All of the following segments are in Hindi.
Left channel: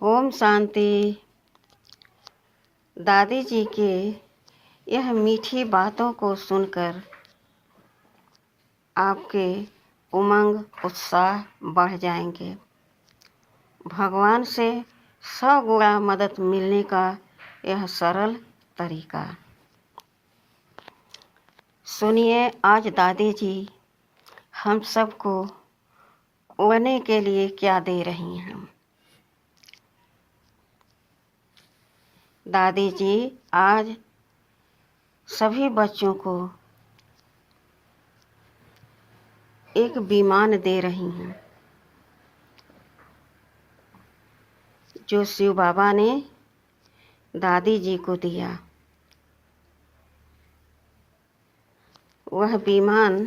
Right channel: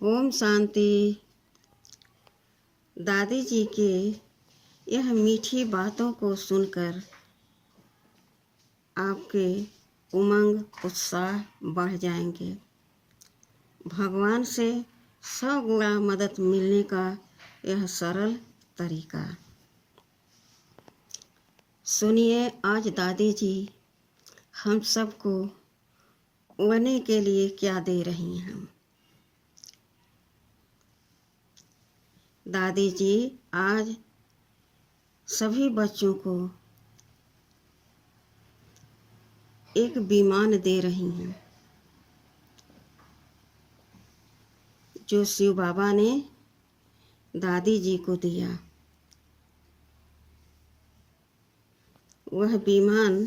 ओम शांति। दादी जी के यह मीठी बातों को सुनकर आपके उमंग उत्साह बढ़ जाएंगे। भगवान से 100 गुना मदद मिलने का यह सरल तरीका सुनिए। आज दादी जी हम सबको उड़ने के लिए क्या दे रही हैं। दादी जी आज सभी बच्चों को एक विमान दे रही हैं जो शिव बाबा ने दादी जी को दिया। वह विमान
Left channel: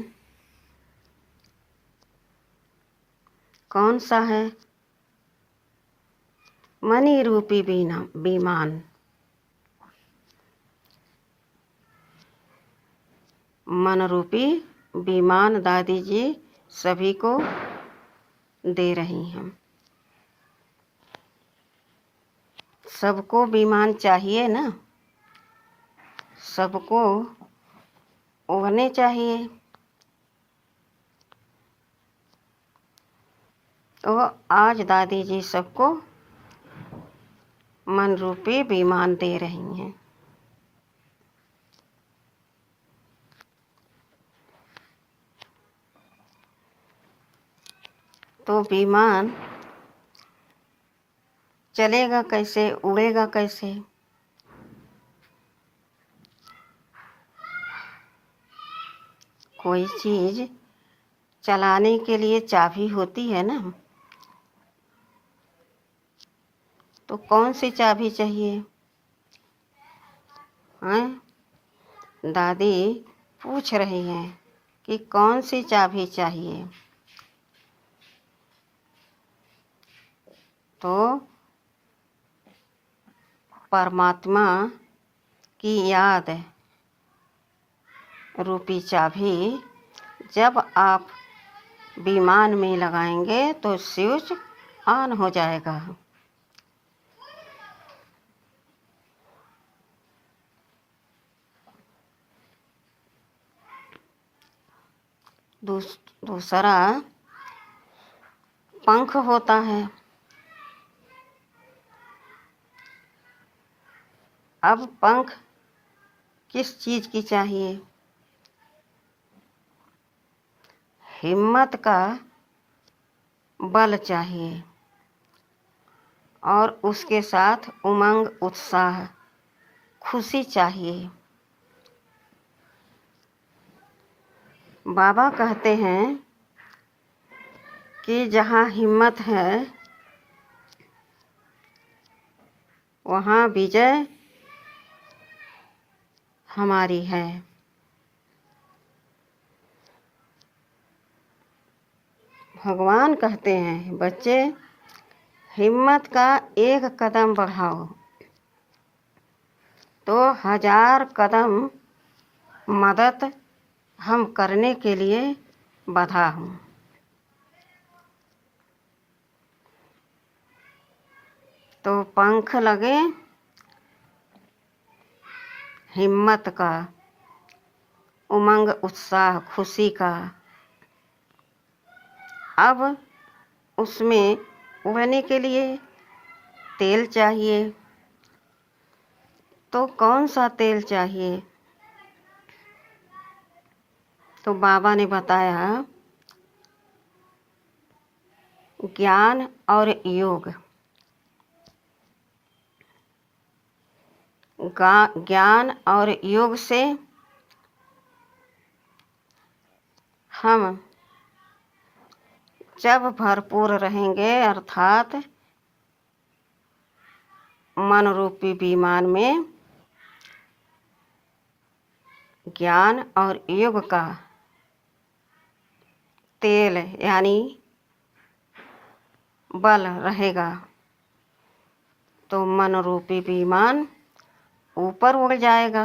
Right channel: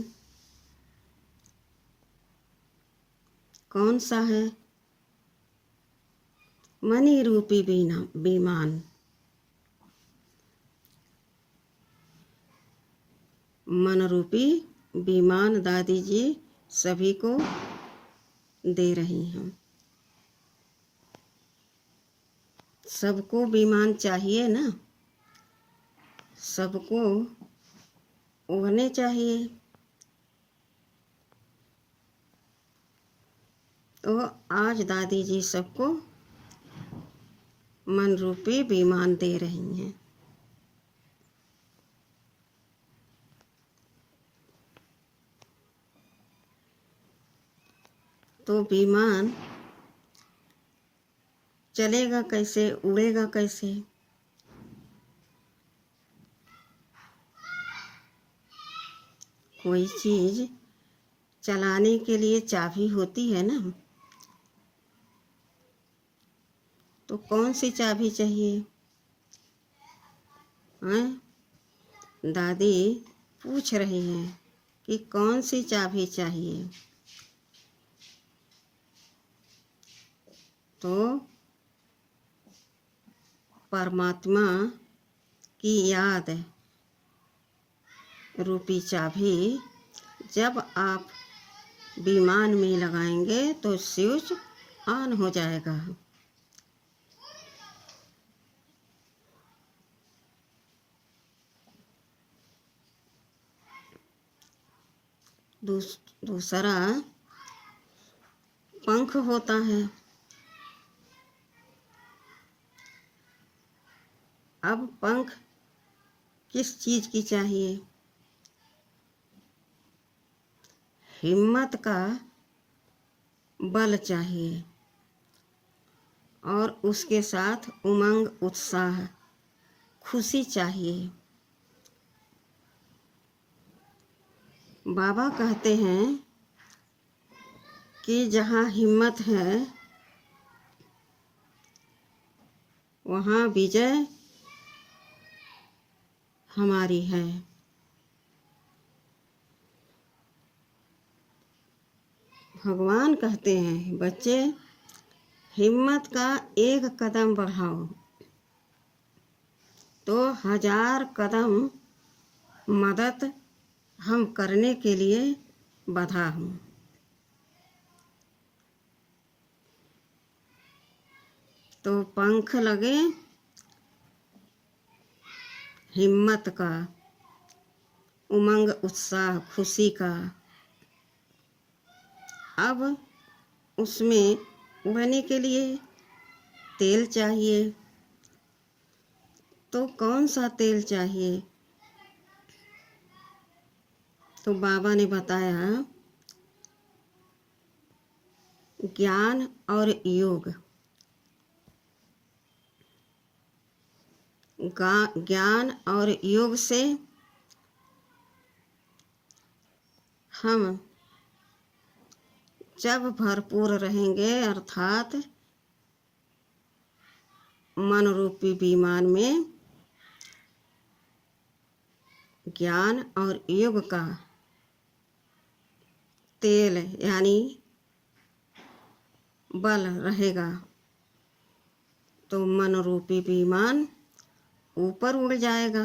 कौन सा है? मनी रूपी विमान। मन रूपी विमान दादी जी सभी को दे रही हैं। सबको विमान चाहिए ना, सबको उड़ने चाहिए। तो आज दादी जी सबको मन रूपी विमान दे रही हैं। तो विमान चलेगा कैसे, उड़ेगा कैसे? कोई चीज़ चलाने के लिए चाबी होती है ना, तो कौन सी चाबी चाहिए? हैं? दादी पूछ रही हैं कि कौन सी चाबी चाहिए। तो परमात्मा की याद रूपी चाबी जब आप विमान में लगाएंगे तो स्विच ऑन हो जाएगा। दूसरा पंख होता है। अब पंख किस चीज़ की चाहिए? हिम्मत का बल चाहिए और उसके साथ उमंग, उत्साह, खुशी चाहिए। बाबा कहते हैं कि जहाँ हिम्मत है वहाँ विजय हमारी है। भगवान कहते हैं, बच्चे हिम्मत का एक कदम बढ़ाओ तो 1000 कदम मदद हम करने के लिए बधा हूँ। तो पंख लगे हिम्मत का, उमंग, उत्साह, खुशी का। अब उसमें उड़ने के लिए तेल चाहिए। तो कौन सा तेल चाहिए? तो बाबा ने बताया ज्ञान और योग। ज्ञान और योग से हम जब भरपूर रहेंगे, अर्थात मन रूपी विमान में ज्ञान और योग का तेल यानी बल रहेगा, तो मन रूपी विमान ऊपर उड़ जाएगा।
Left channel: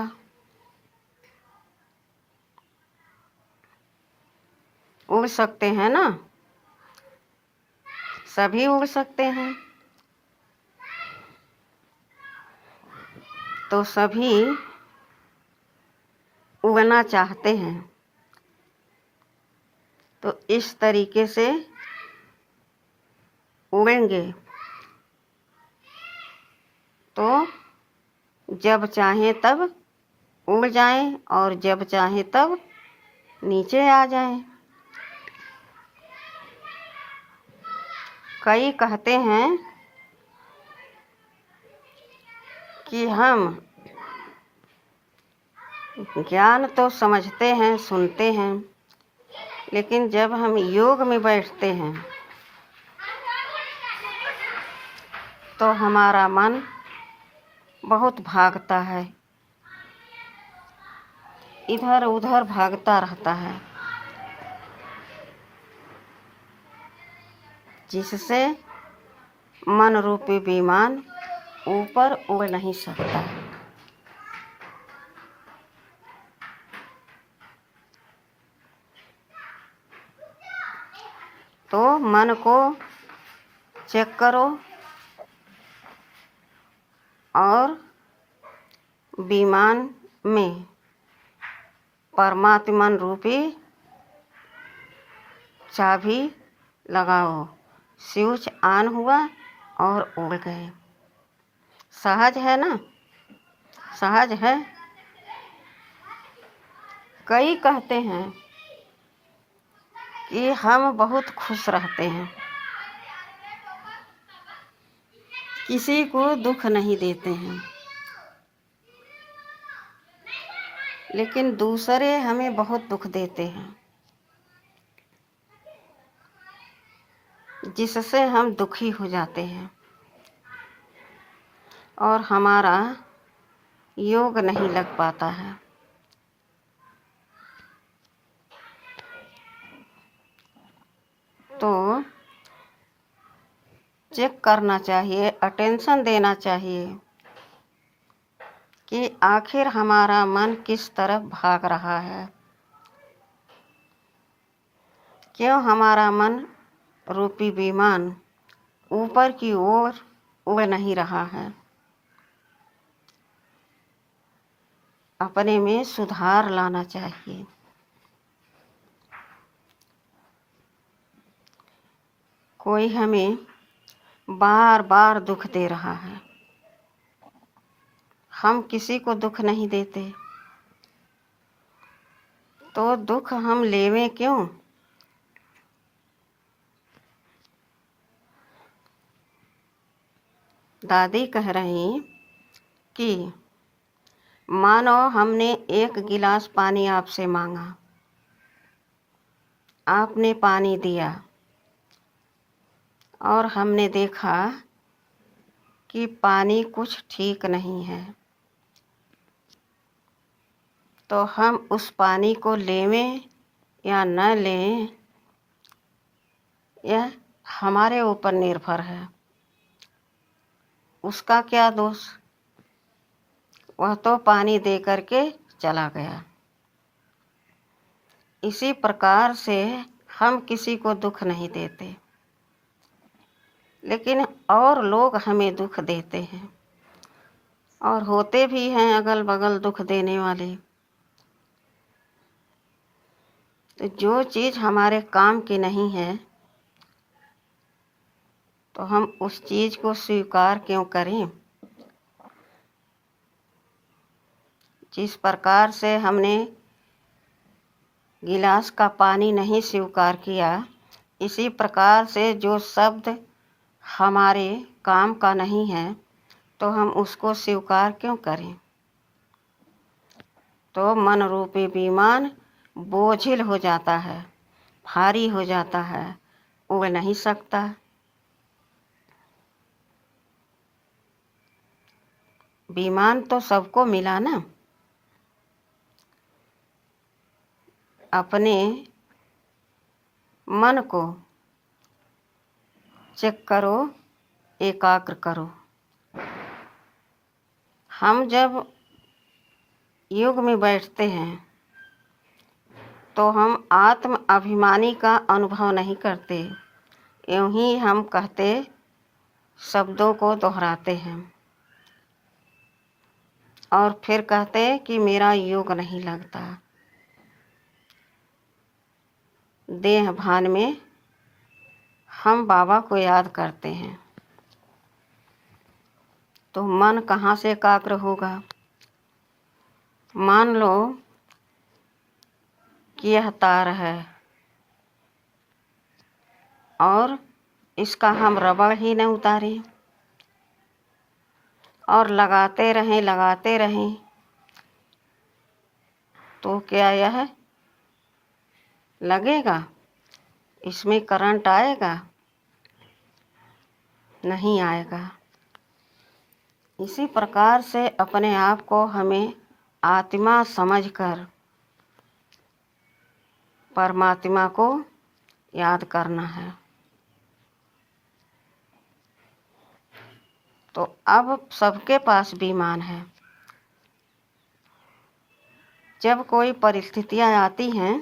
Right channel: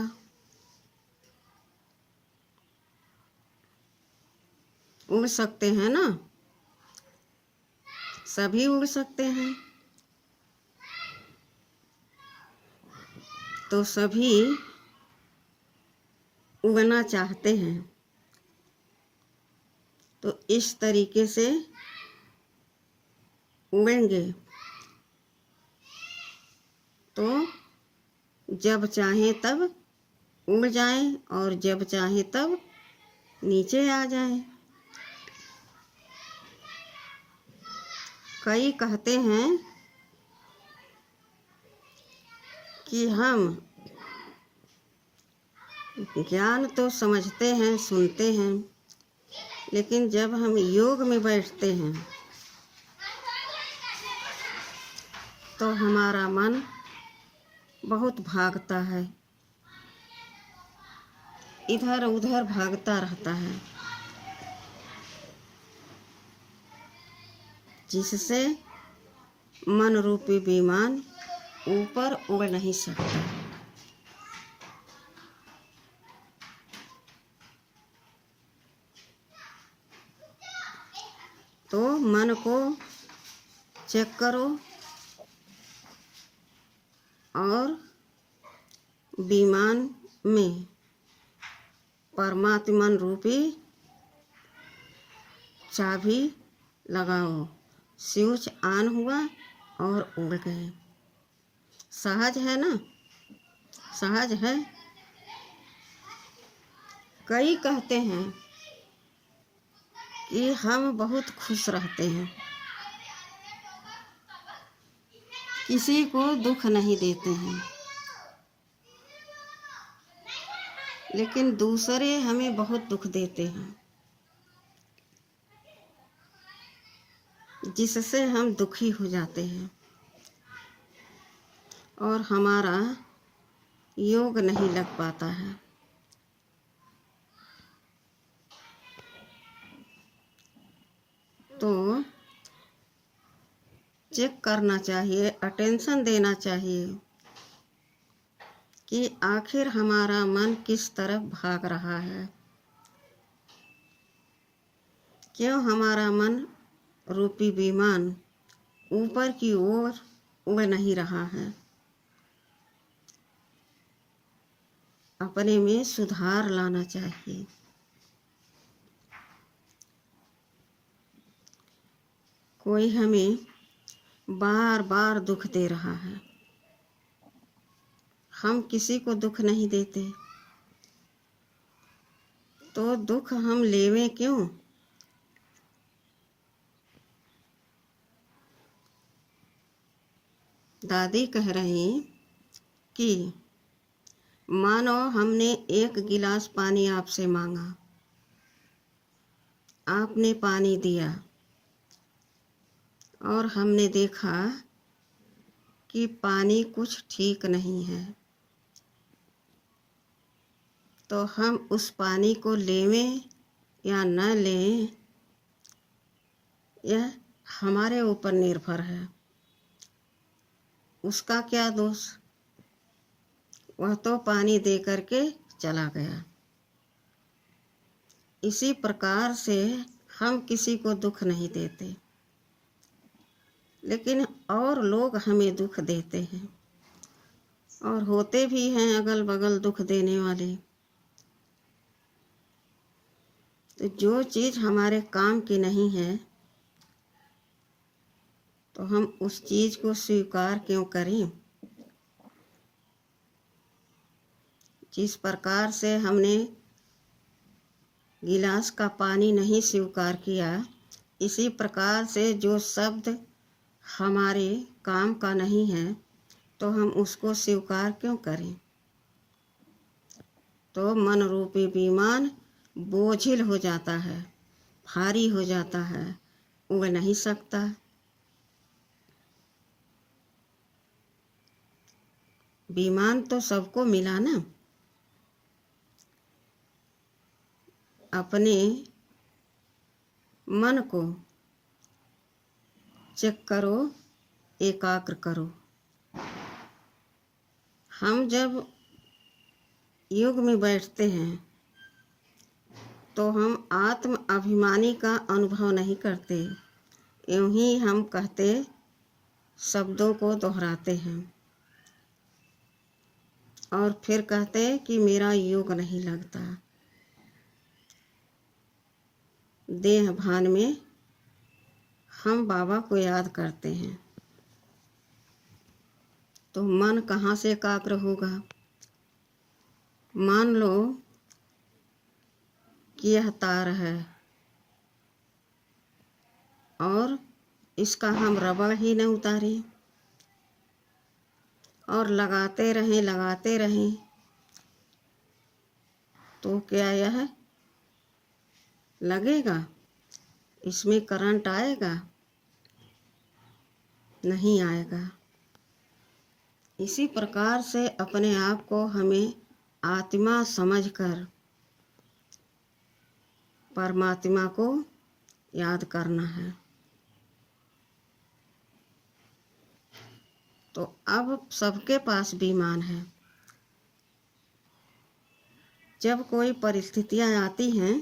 उड़ सकते हैं ना, सभी उड़ सकते हैं। तो सभी उड़ना चाहते हैं, तो इस तरीके से उड़ेंगे तो जब चाहें तब उड़ जाएं और जब चाहें तब नीचे आ जाएं। कई कहते हैं कि हम ज्ञान तो समझते हैं, सुनते हैं, लेकिन जब हम योग में बैठते हैं तो हमारा मन बहुत भागता है, इधर उधर भागता रहता है, जिससे मन रूपी विमान ऊपर उड़ नहीं सकता। तो मन को चेक करो और विमान में परमात्मन रूपी चाबी लगाओ। स्विच ऑन हुआ और उड़ गए। सहज है ना? सहज है। कई कहते हैं कि हम बहुत खुश रहते हैं, किसी को दुख नहीं देते हैं, लेकिन दूसरे हमें बहुत दुख देते हैं, जिससे हम दुखी हो जाते हैं और हमारा योग नहीं लग पाता है। तो चेक करना चाहिए, अटेंशन देना चाहिए कि आखिर हमारा मन किस तरफ भाग रहा है, क्यों हमारा मन रूपी विमान ऊपर की ओर उड़ नहीं रहा है। अपने में सुधार लाना चाहिए। कोई हमें बार बार दुख दे रहा है, हम किसी को दुख नहीं देते, तो दुख हम लेवें क्यों? दादी कह रही कि मानो हमने एक गिलास पानी आपसे मांगा, आपने पानी दिया और हमने देखा कि पानी कुछ ठीक नहीं है, तो हम उस पानी को लेवें या न लें, यह हमारे ऊपर निर्भर है। उसका क्या दोष? वह तो पानी दे करके चला गया। इसी प्रकार से हम किसी को दुख नहीं देते, लेकिन और लोग हमें दुख देते हैं, और होते भी हैं अगल बगल दुख देने वाले। तो जो चीज़ हमारे काम की नहीं है, तो हम उस चीज़ को स्वीकार क्यों करें? जिस प्रकार से हमने गिलास का पानी नहीं स्वीकार किया, इसी प्रकार से जो शब्द हमारे काम का नहीं है, तो हम उसको स्वीकार क्यों करें? तो मन रूपी विमान बोझिल हो जाता है, भारी हो जाता है, उड़ नहीं सकता। विमान तो सबको मिला ना। अपने मन को चेक करो, एकाग्र करो। हम जब योग में बैठते हैं तो हम आत्म अभिमानी का अनुभव नहीं करते, यूं ही हम कहते शब्दों को दोहराते हैं और फिर कहते कि मेरा योग नहीं लगता। देह भान में हम बाबा को याद करते हैं तो मन कहाँ से एकाग्र होगा। मान लो कि यह तार है और इसका हम रबड़ ही न उतारें और लगाते रहें तो क्या यह लगेगा? इसमें करंट आएगा? नहीं आएगा। इसी प्रकार से अपने आप को हमें आत्मा समझकर परमात्मा को याद करना है। तो अब सबके पास विमान है। जब कोई परिस्थितियाँ आती हैं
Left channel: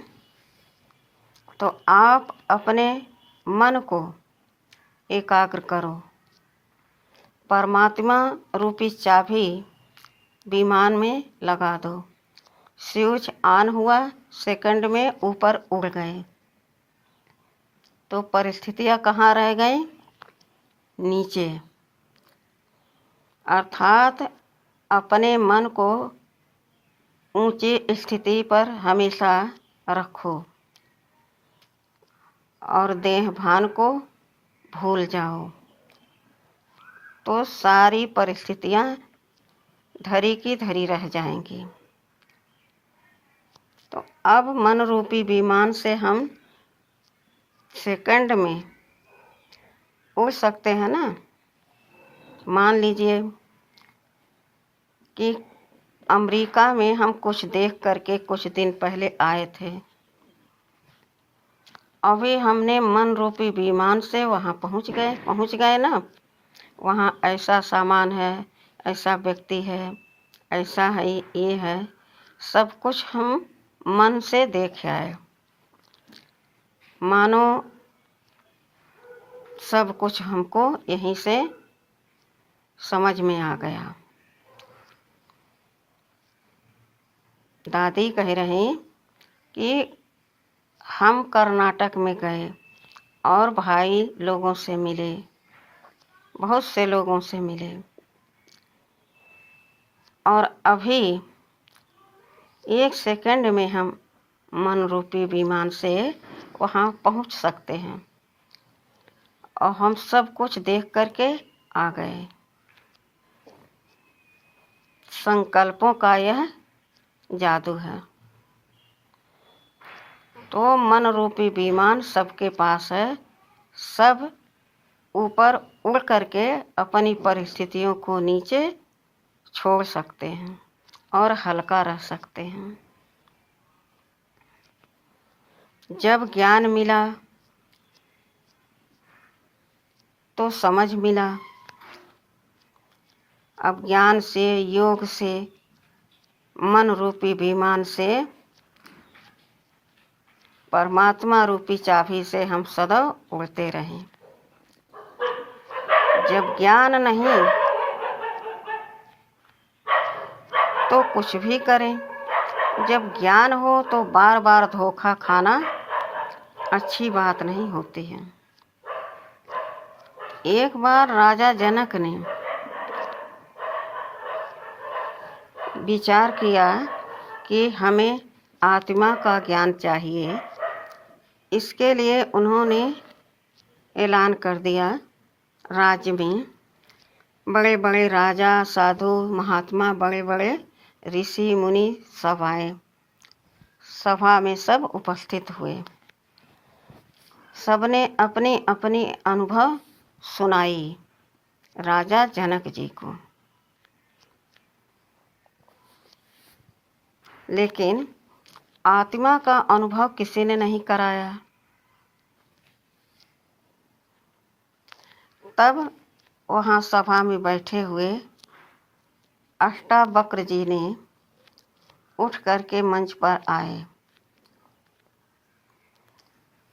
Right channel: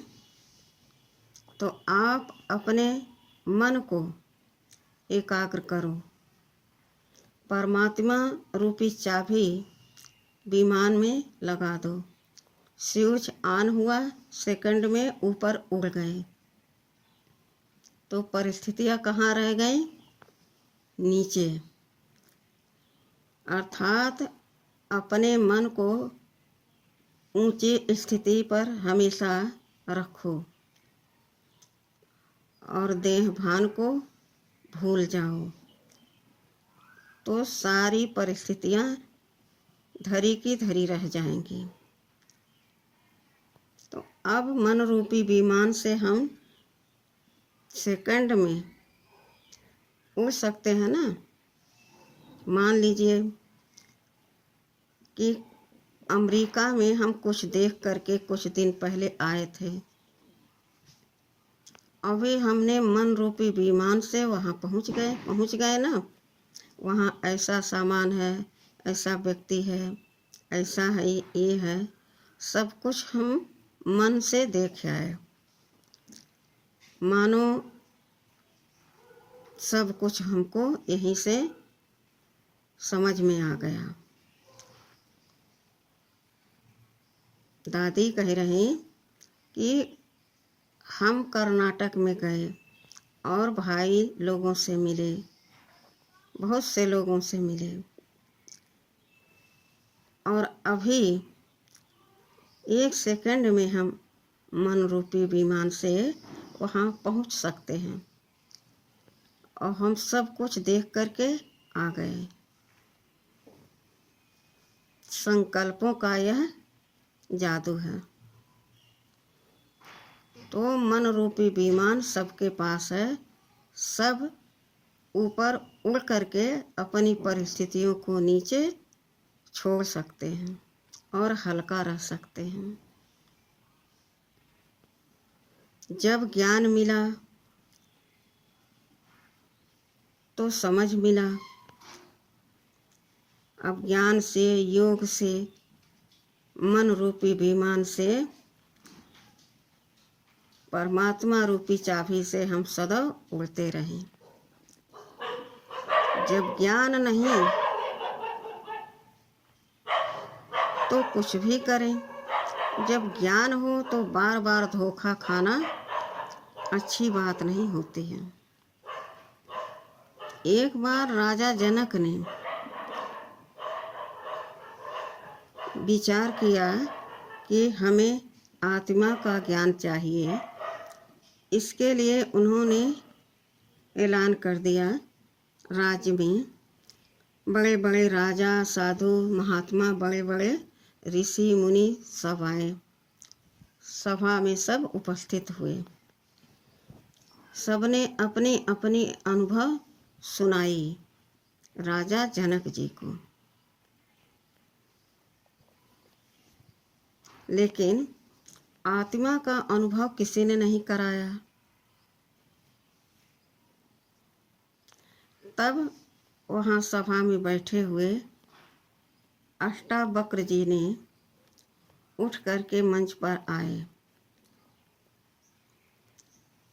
तो आप अपने मन को एकाग्र करो। परमात्मा रूपी चाबी विमान में लगा दो। स्विच ऑन हुआ, सेकंड में ऊपर उड़ गए तो परिस्थितियाँ कहाँ रह गई? नीचे। अर्थात अपने मन को ऊंची स्थिति पर हमेशा रखो और देह भान को भूल जाओ तो सारी परिस्थितियाँ धरी की धरी रह जाएंगी। तो अब मन रूपी विमान से हम सेकंड में उड़ सकते हैं ना। मान लीजिए कि अमेरिका में हम कुछ देख करके कुछ दिन पहले आए थे। अभी हमने मन रूपी विमान से वहाँ पहुँच गए ना। वहाँ ऐसा सामान है, ऐसा व्यक्ति है, ऐसा है, ये है, सब कुछ हम मन से देख आए। मानो सब कुछ हमको यहीं से समझ में आ गया। दादी कह रही कि हम कर्नाटक में गए और भाई लोगों से मिले, बहुत से लोगों से मिले और अभी एक सेकंड में हम मन रूपी विमान से वहाँ पहुँच सकते हैं और हम सब कुछ देख करके आ गए। संकल्पों का यह जादू है। तो मन रूपी विमान सबके पास है। सब ऊपर उड़ करके अपनी परिस्थितियों को नीचे छोड़ सकते हैं और हल्का रह सकते हैं। जब ज्ञान मिला तो समझ मिला। अब ज्ञान से, योग से, मन रूपी विमान से, परमात्मा रूपी चाबी से हम सदा उड़ते रहें। जब ज्ञान नहीं तो कुछ भी करें। जब ज्ञान हो तो बार बार धोखा खाना अच्छी बात नहीं होती है। एक बार राजा जनक ने विचार किया कि हमें आत्मा का ज्ञान चाहिए। इसके लिए उन्होंने ऐलान कर दिया, राज्य में बड़े बड़े राजा, साधु, महात्मा, बड़े बड़े ऋषि मुनि सब आए। सभा में सब उपस्थित हुए। सबने अपने अपने अनुभव सुनाई राजा जनक जी को। लेकिन आत्मा का अनुभव किसी ने नहीं कराया। तब वहाँ सभा में बैठे हुए अष्टावक्र जी ने उठ करके मंच पर आए।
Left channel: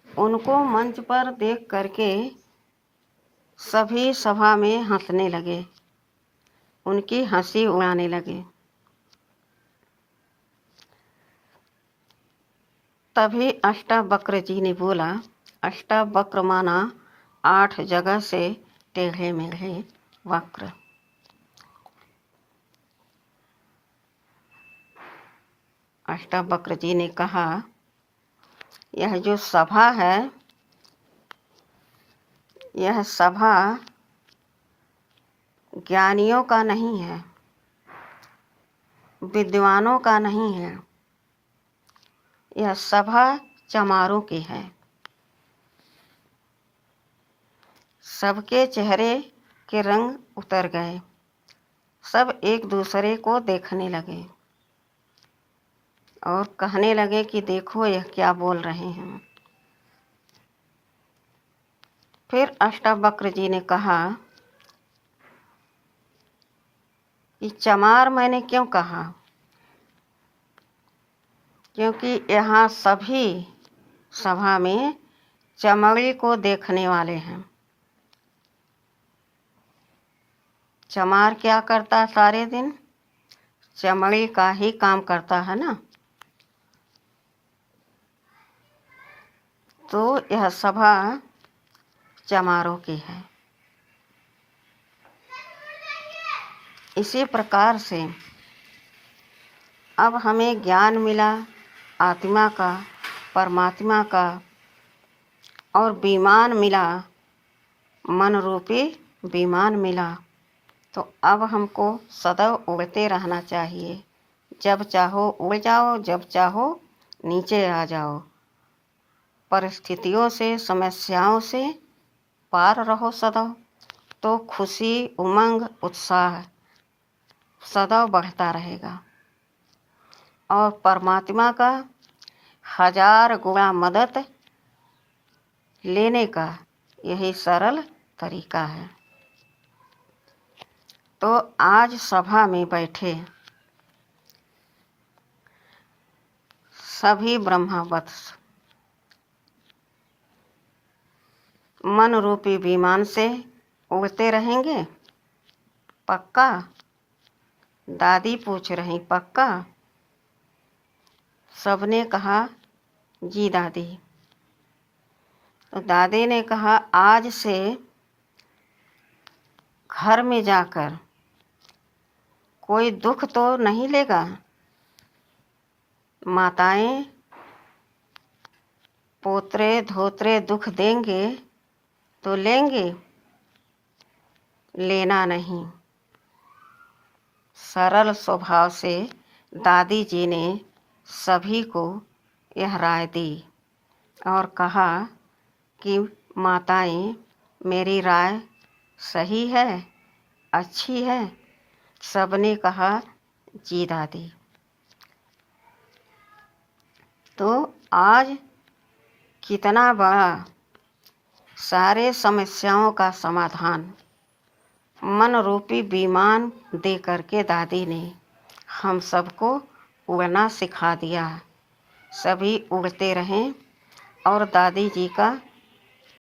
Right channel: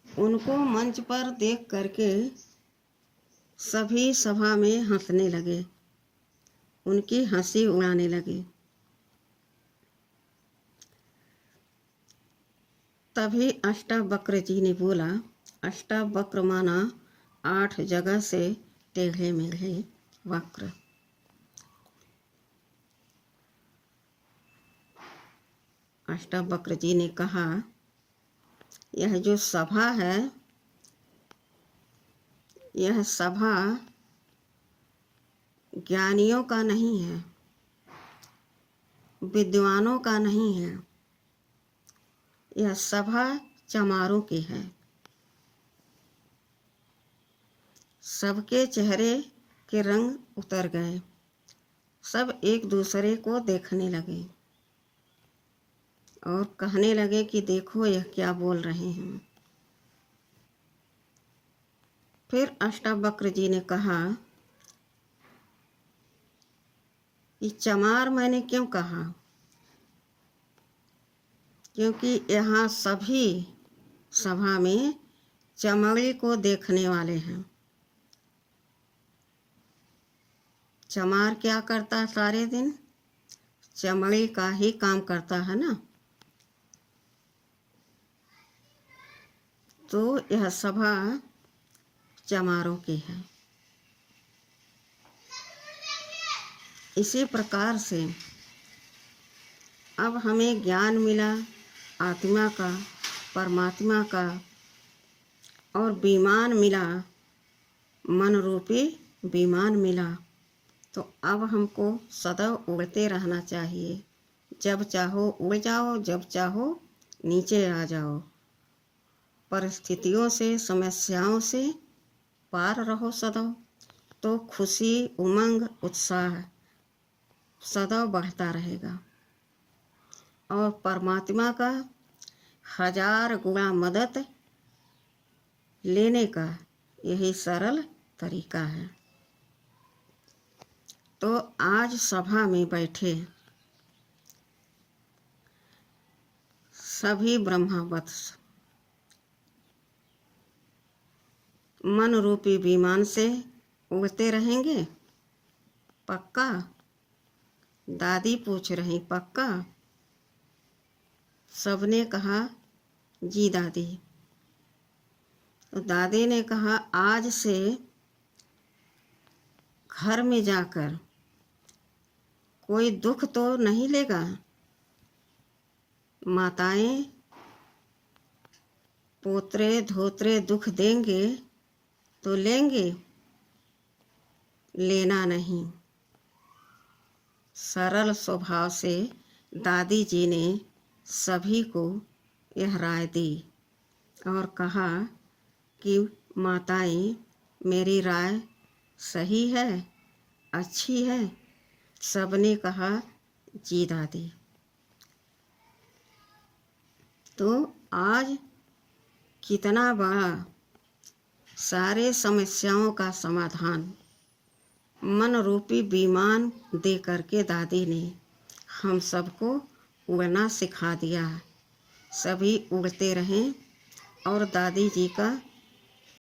उनको मंच पर देख करके सभी सभा में हंसने लगे, उनकी हंसी उड़ाने लगे। तभी अष्टावक्र जी ने बोला, अष्टावक्र माना 8 जगह से टेढ़े मेढ़े वक्र। अष्टावक्र जी ने कहा, यह जो सभा है, यह सभा ज्ञानियों का नहीं है, विद्वानों का नहीं है, यह सभा चमारों की है। सबके चेहरे के रंग उतर गए, सब एक दूसरे को देखने लगे और कहने लगे कि देखो यह क्या बोल रहे हैं। फिर अष्टावक्र जी ने कहा कि चमार मैंने क्यों कहा, क्योंकि यहाँ सभी सभा में चमड़ी को देखने वाले हैं। चमार क्या करता है सारे दिन? चमड़ी का ही काम करता है ना। तो यह सभा चमारों की है। इसी प्रकार से अब हमें ज्ञान मिला आत्मा का, परमात्मा का, और विमान मिला, मन रूपी विमान मिला। तो अब हमको सदैव उड़ते रहना चाहिए। जब चाहो उड़ जाओ, जब चाहो नीचे आ जाओ। परिस्थितियों से, समस्याओं से पार रहो सदैव, तो खुशी, उमंग, उत्साह सदैव बढ़ता रहेगा। और परमात्मा का 1000 गुणा मदद लेने का यही सरल तरीका है। तो आज सभा में बैठे सभी ब्रह्मवत्स मन रूपी विमान से उड़ते रहेंगे, पक्का? दादी पूछ रही, पक्का? सबने कहा जी दादी। तो दादी ने कहा, आज से घर में जाकर कोई दुख तो नहीं लेगा? माताएं पोतरे धोतरे दुख देंगे तो लेंगे, लेना नहीं। सरल स्वभाव से दादी जी ने सभी को यह राय दी और कहा कि माताएं, मेरी राय सही है, अच्छी है? सबने कहा जी दादी। तो आज कितना बड़ा सारे समस्याओं का समाधान मन रूपी विमान दे करके दादी ने हम सबको उड़ना सिखा दिया। सभी उड़ते रहें और दादी जी का